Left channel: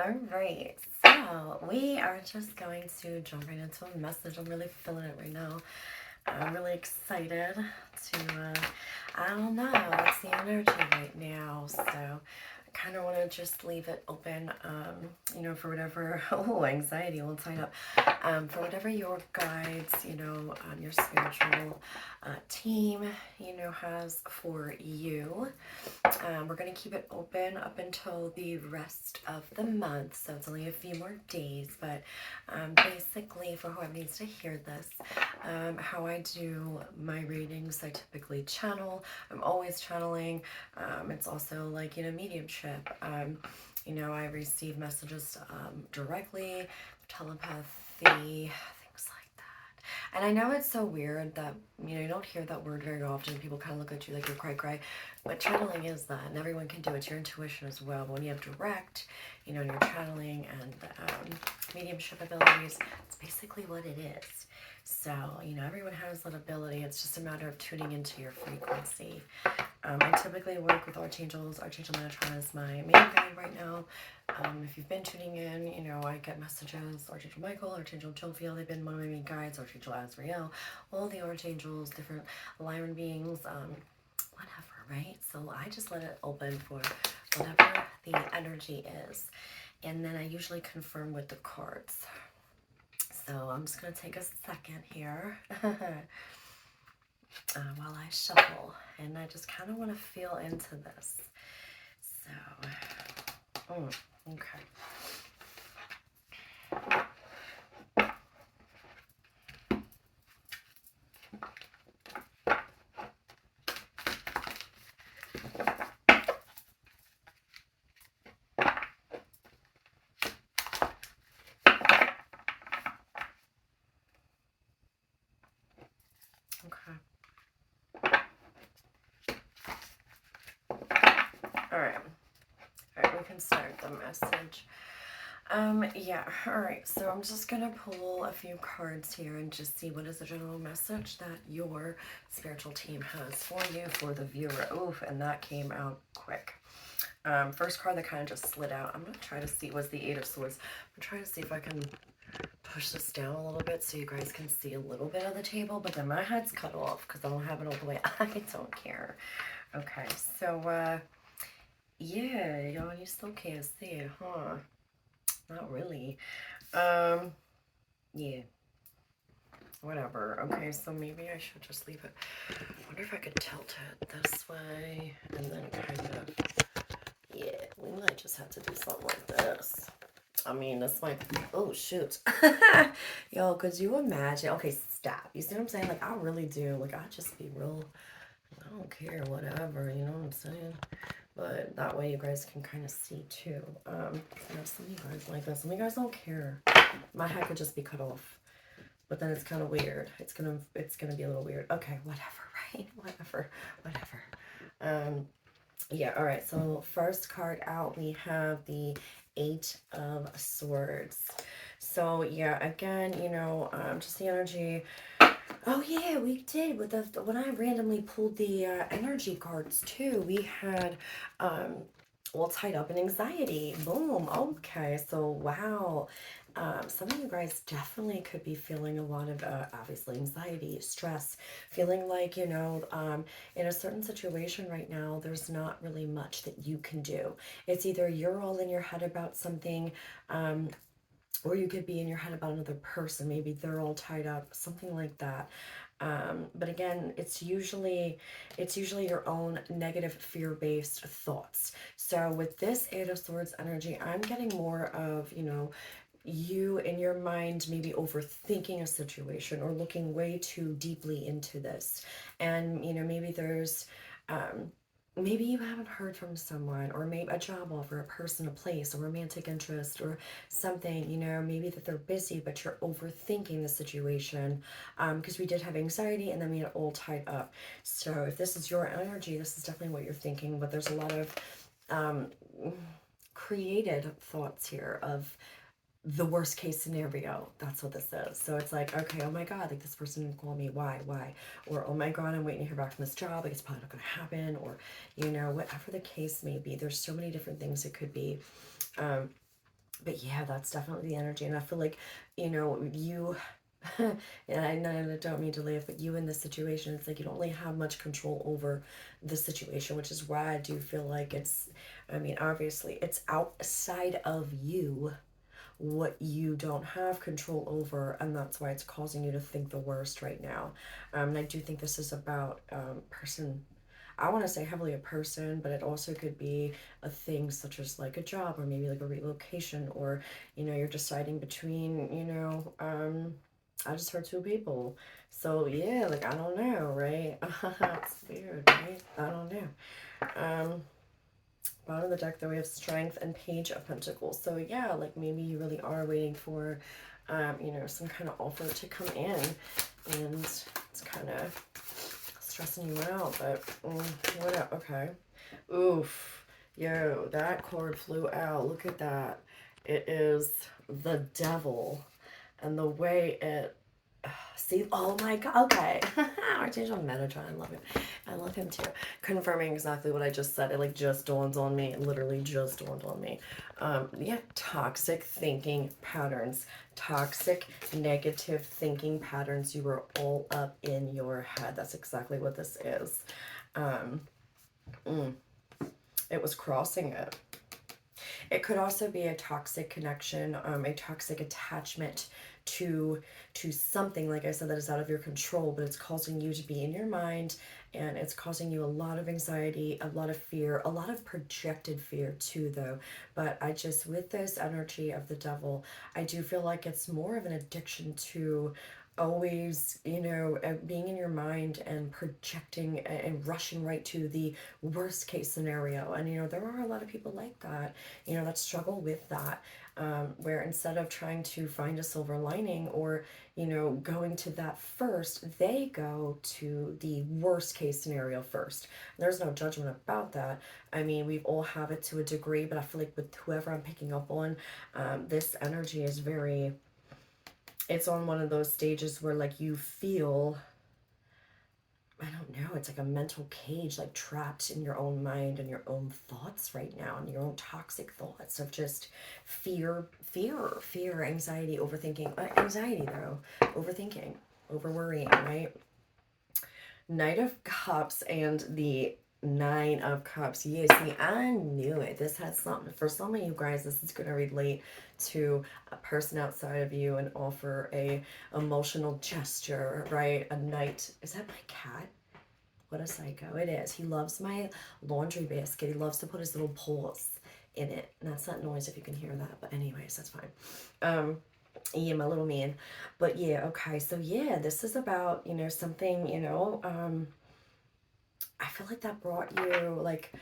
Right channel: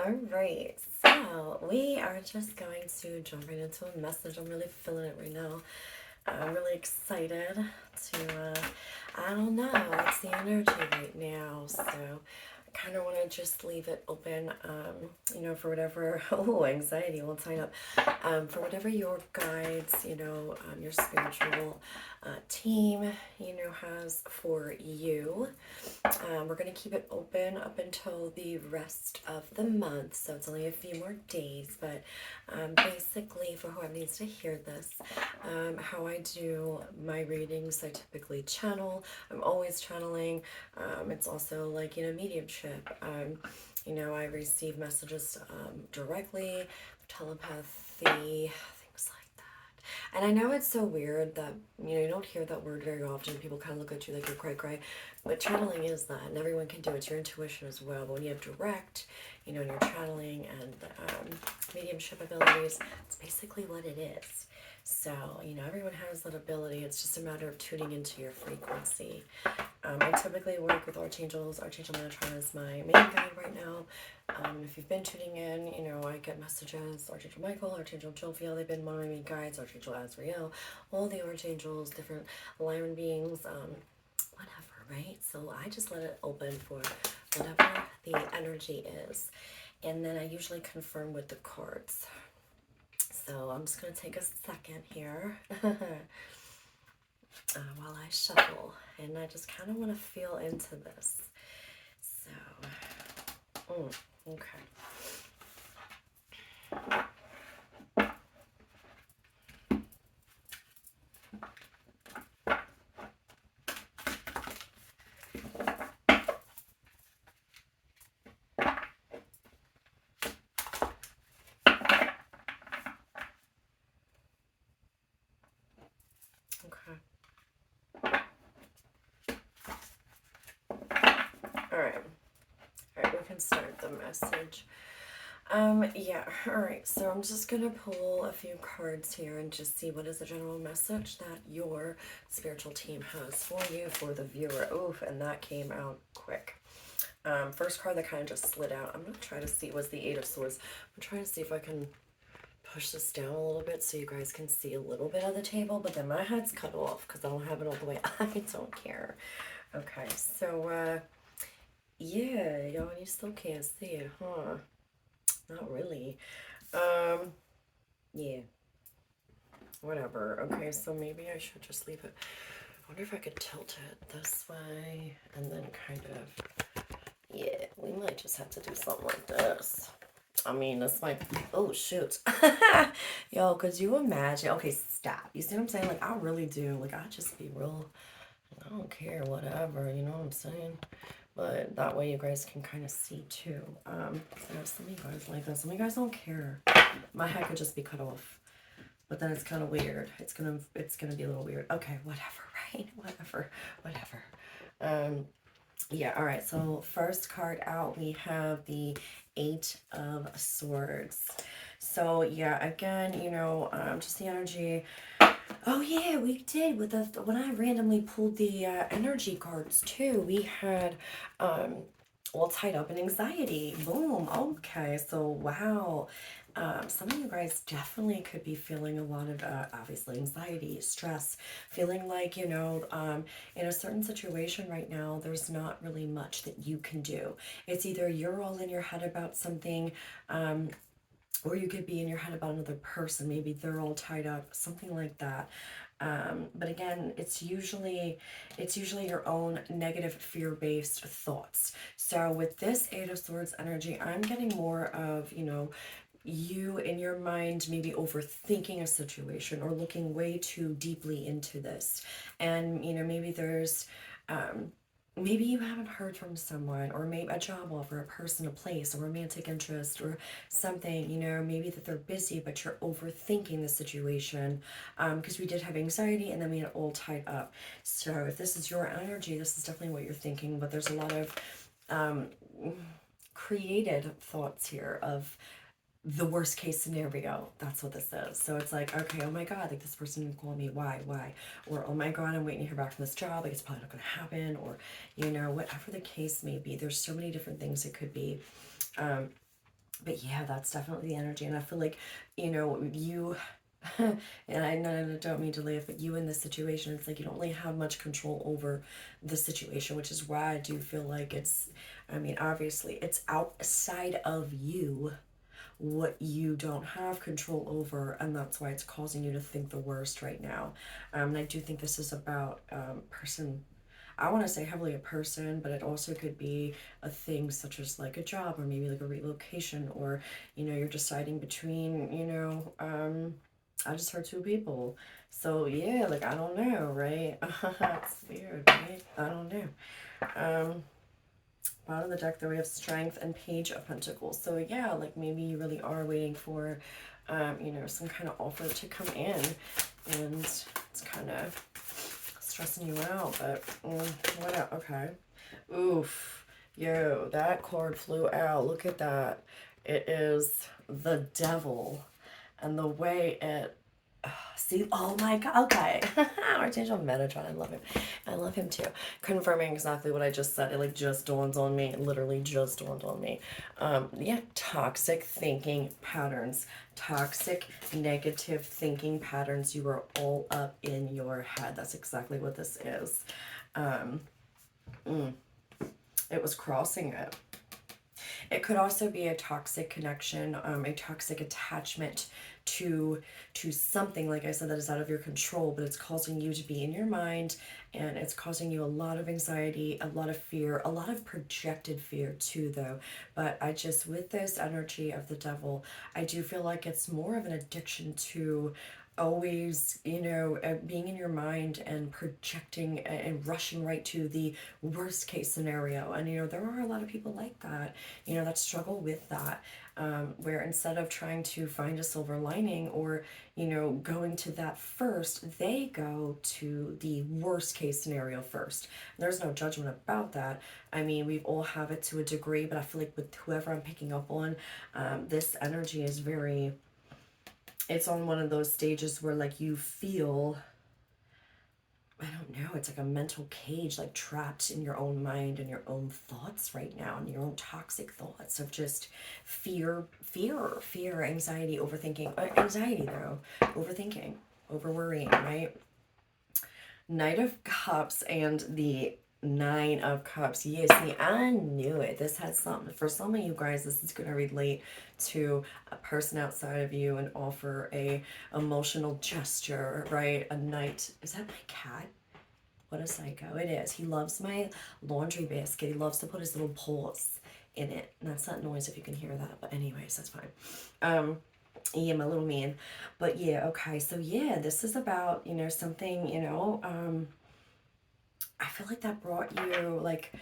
All right, so we are just going to jump right into a message. I'm really feeling it right now. I'm really excited to, I don't know, it's the energy right now. So I kind of want to just leave it open, for whatever, oh, anxiety will sign up, for whatever your guides, your spiritual team, has for you. We're going to keep it open up until the rest of the month, so it's only a few more days. But basically, for whoever needs to hear this, how I do my readings, I typically channel. I'm always channeling. It's also like, mediumship. I receive messages directly, telepathy, things like that. And I know it's so weird that, you don't hear that word very often. People kind of look at you like you're cray. But channeling is that, and everyone can do it. It's your intuition as well. But when you have direct, your channeling and mediumship abilities, it's basically what it is. So, everyone has that ability. It's just a matter of tuning into your frequency. I typically work with archangels. Archangel Metatron is my main guide right now. If you've been tuning in, I get messages. Archangel Michael, Archangel Jophiel, they've been one of my main guides. Archangel Azrael, all the archangels, different alignment beings, whatever, right? So I just let it open for whatever the energy is. And then I usually confirm with the cards. So I'm just going to take a second here while I shuffle. And I just kind of want to feel into this. So, okay. Okay. All right, we can start the message. Yeah, all right, so I'm just gonna pull a few cards here and just see what is the general message that your spiritual team has for you, for the viewer. Oof, and that came out quick. First card that kind of just slid out, I'm gonna try to see, was the Eight of Swords. I'm trying to see if I can push this down a little bit so you guys can see a little bit of the table, but then my head's cut off because I don't have it all the way. I don't care. Okay, so, yeah, y'all, you still can't see it, huh? Not really. Yeah. Whatever. Okay, so maybe I should just leave it. I wonder if I could tilt it this way and then kind of, yeah, we might just have to do something like this. I mean, this might, oh, shoot. Yo, could you imagine? Okay, stop. You see what I'm saying? Like, I really do. Like, I just be real, I don't care, whatever, you know what I'm saying? But that way you guys can kind of see too. Some of you guys like this. Some of you guys don't care. My head could just be cut off. But then it's kind of weird. It's gonna be a little weird. Okay, whatever, right? Whatever. Yeah, all right. So first card out, we have the Eight of Swords. So yeah, again, just the energy. Oh yeah, we did with the when I randomly pulled the energy cards too. We had tied up in anxiety. Boom. Okay, so wow. Some of you guys definitely could be feeling a lot of obviously anxiety, stress, feeling like, in a certain situation right now, there's not really much that you can do. It's either you're all in your head about something, or you could be in your head about another person. Maybe they're all tied up, something like that. But again, it's usually your own negative fear-based thoughts. So with this Eight of Swords energy, I'm getting more of, you in your mind maybe overthinking a situation or looking way too deeply into this. And, maybe there's, maybe you haven't heard from someone, or maybe a job offer, a person, a place, a romantic interest, or something, maybe that they're busy, but you're overthinking the situation, because we did have anxiety and then we had all tied up. So if this is your energy, this is definitely what you're thinking, but there's a lot of created thoughts here of the worst case scenario. That's what this is. So it's like, okay, oh my God, like this person didn't call me. Why? Or, oh my God, I'm waiting to hear back from this job. Like it's probably not going to happen. Or, whatever the case may be. There's so many different things it could be. But yeah, that's definitely the energy. And I feel like, you, and I don't mean to laugh, but you in this situation, it's like you don't really have much control over the situation, which is why I do feel like I mean, obviously, it's outside of you what you don't have control over, and that's why it's causing you to think the worst right now. And I do think this is about person. I want to say heavily a person, but it also could be a thing such as like a job or maybe like a relocation, or you're deciding between I just heard two people. So yeah, like I don't know, right? It's weird, right? I don't know. Um, Bottom of the deck, though, we have Strength and Page of Pentacles. So yeah, like maybe you really are waiting for, some kind of offer to come in, and it's kind of stressing you out. But what? Okay. Oof. Yo, that card flew out. Look at that. It is the Devil, and the way it see, oh my god, okay. Archangel Metatron, I love him. I love him too. Confirming exactly what I just said. It like just dawned on me. It literally just dawned on me. Yeah, toxic thinking patterns. Toxic negative thinking patterns. You were all up in your head. That's exactly what this is. Um, it was crossing it. It could also be a toxic connection, a toxic attachment to something, like I said, that is out of your control, but it's causing you to be in your mind, and it's causing you a lot of anxiety, a lot of fear, a lot of projected fear too, though. But I just, with this energy of the Devil, I do feel like it's more of an addiction to always, being in your mind and projecting and rushing right to the worst case scenario. And, there are a lot of people like that, that struggle with that, where instead of trying to find a silver lining or, going to that first, they go to the worst case scenario first. There's no judgment about that. I mean, we all have it to a degree, but I feel like with whoever I'm picking up on, this energy is very, it's on one of those stages where like you feel, I don't know, it's like a mental cage, like trapped in your own mind and your own thoughts right now, and your own toxic thoughts of just fear, anxiety, overthinking. Anxiety though, overthinking, over worrying, right? Knight of Cups and the Nine of Cups. Yes, see, I knew it. This has something. For some of you guys, this is going to relate to a person outside of you and offer a emotional gesture, right? A knight. Is that my cat? What a psycho. It is. He loves my laundry basket. He loves to put his little paws in it. And that's not noise if you can hear that. But anyways, that's fine. Yeah, my little man. But yeah, okay. So yeah, this is about, something, I feel like that brought you, like,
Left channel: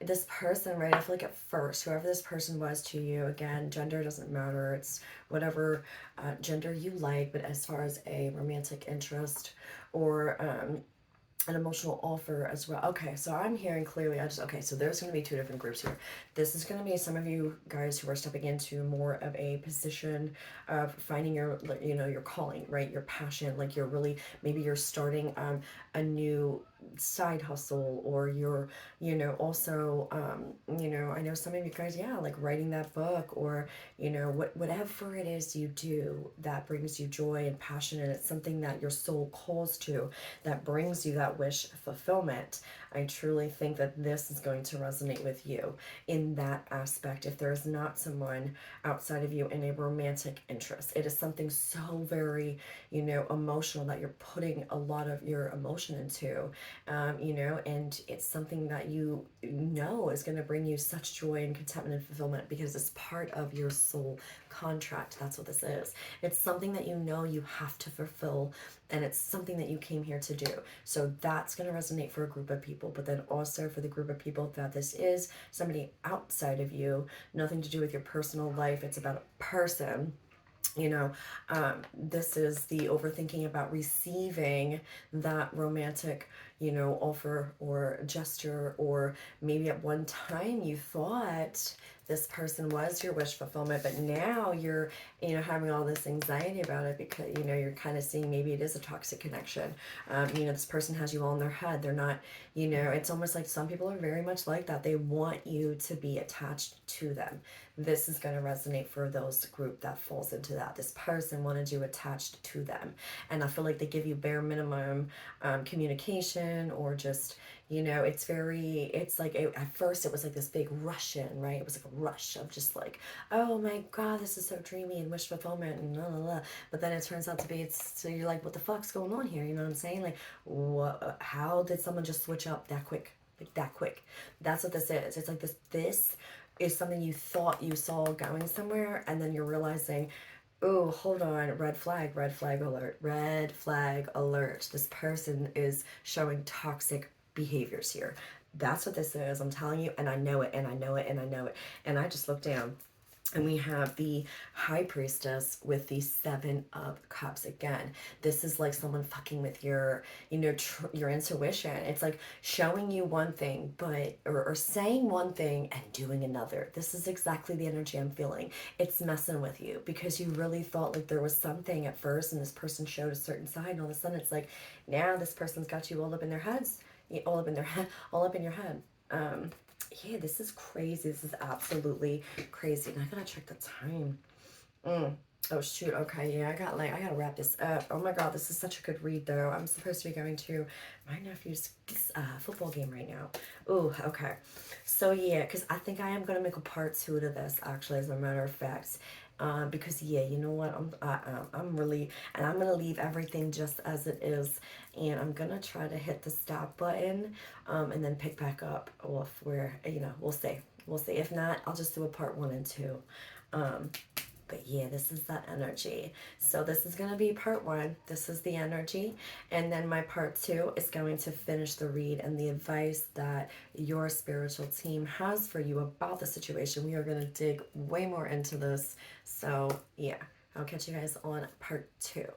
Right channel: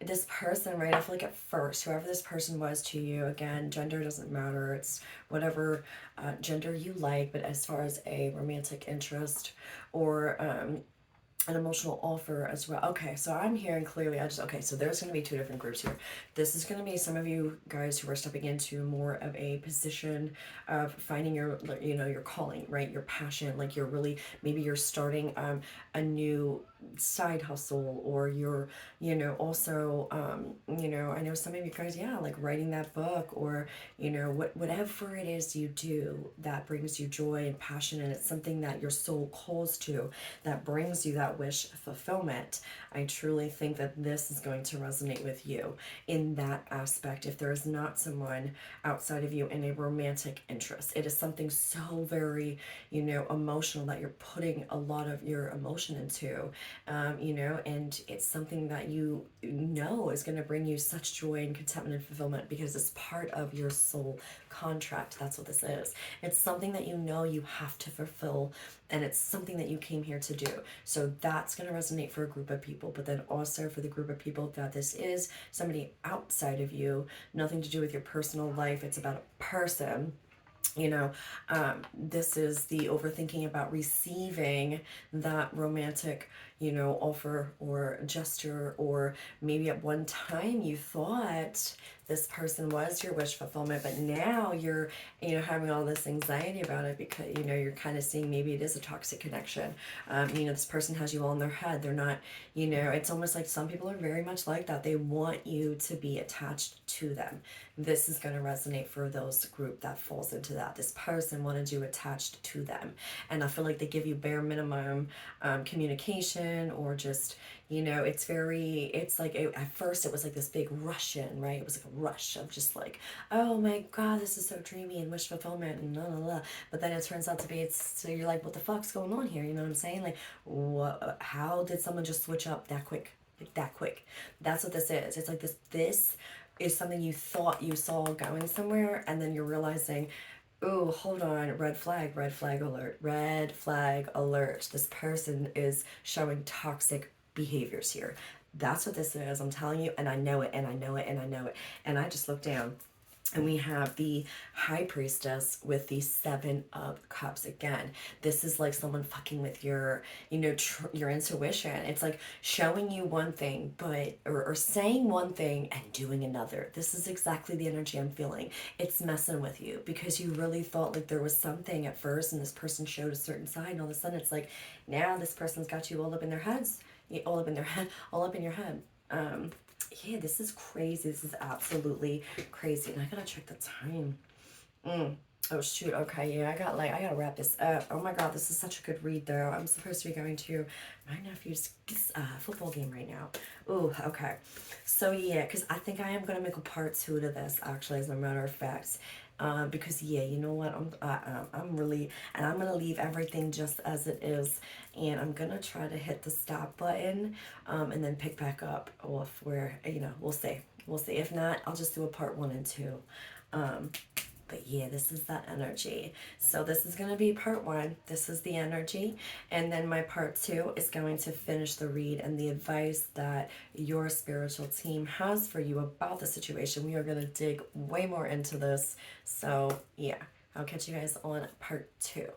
this person, right? I feel like at first, whoever this person was to you, again, gender doesn't matter. It's whatever gender you like. But as far as a romantic interest or an emotional offer as well. Okay, so I'm hearing clearly, okay, so there's going to be two different groups here. This is going to be some of you guys who are stepping into more of a position of finding your calling, right? Your passion, like you're really, maybe you're starting a new side hustle, or you're, also, I know some of you guys, yeah, like writing that book, or, whatever it is you do that brings you joy and passion, and it's something that your soul calls to, that brings you that wish fulfillment. I truly think that this is going to resonate with you in that aspect. If there is not someone outside of you in a romantic interest, it is something so very, emotional, that you're putting a lot of your emotion into, and it's something that you know is going to bring you such joy and contentment and fulfillment, because it's part of your soul contract. That's what this is. It's something that you have to fulfill, and it's something that you came here to do. So that's going to resonate for a group of people, but then also for the group of people that this is somebody outside of you, nothing to do with your personal life. It's about a person. This is the overthinking about receiving that romantic, offer or gesture, or maybe at one time you thought this person was your wish fulfillment, but now you're, having all this anxiety about it, because, you're kind of seeing maybe it is a toxic connection. This person has you all in their head. They're not, it's almost like some people are very much like that. They want you to be attached to them. this is going to resonate for those group that falls into that. This person wanted you attached to them, and I feel like they give you bare minimum communication, or just, you know, it's like at first it was like this big rush in, right? It was like a rush of just like, oh my god, this is so dreamy and wish fulfillment and blah blah blah. But then it turns out to be, it's, so you're like, what the fuck's going on here? You know what I'm saying? Like, what? How did someone just switch up that quick? Like that quick? That's what this is. It's like this is something you thought you saw going somewhere, and then you're realizing, oh, hold on, red flag alert, red flag alert. This person is showing toxic behaviors here. That's what this is. I'm telling you, and I know it, and I know it, and I know it. And I just looked down, and we have the High Priestess with the Seven of Cups again. This is like someone fucking with your, you know, your intuition. It's like showing you one thing, but, or saying one thing and doing another. This is exactly the energy I'm feeling. It's messing with you because you really thought like there was something at first, and this person showed a certain side, and all of a sudden it's like, now this person's got you all up in their heads, all up in their head, all up in your head. Yeah, this is crazy. This is absolutely crazy. And I gotta check the time. Oh shoot. Okay, yeah, I gotta wrap this up. Oh my god, this is such a good read though. I'm supposed to be going to my nephew's football game right now. Oh, okay. So yeah, because I think I am gonna make a part 2 to this, actually, as a matter of fact. Because yeah, you know what, I'm really, and I'm gonna leave everything just as it is, and I'm gonna try to hit the stop button, and then pick back up. Or if we're, you know, we'll see. If not, I'll just do a part 1 and 2. But yeah, this is that energy. So this is going to be part 1. This is the energy. And then my part 2 is going to finish the read and the advice that your spiritual team has for you about the situation. We are going to dig way more into this. So yeah, I'll catch you guys on part 2.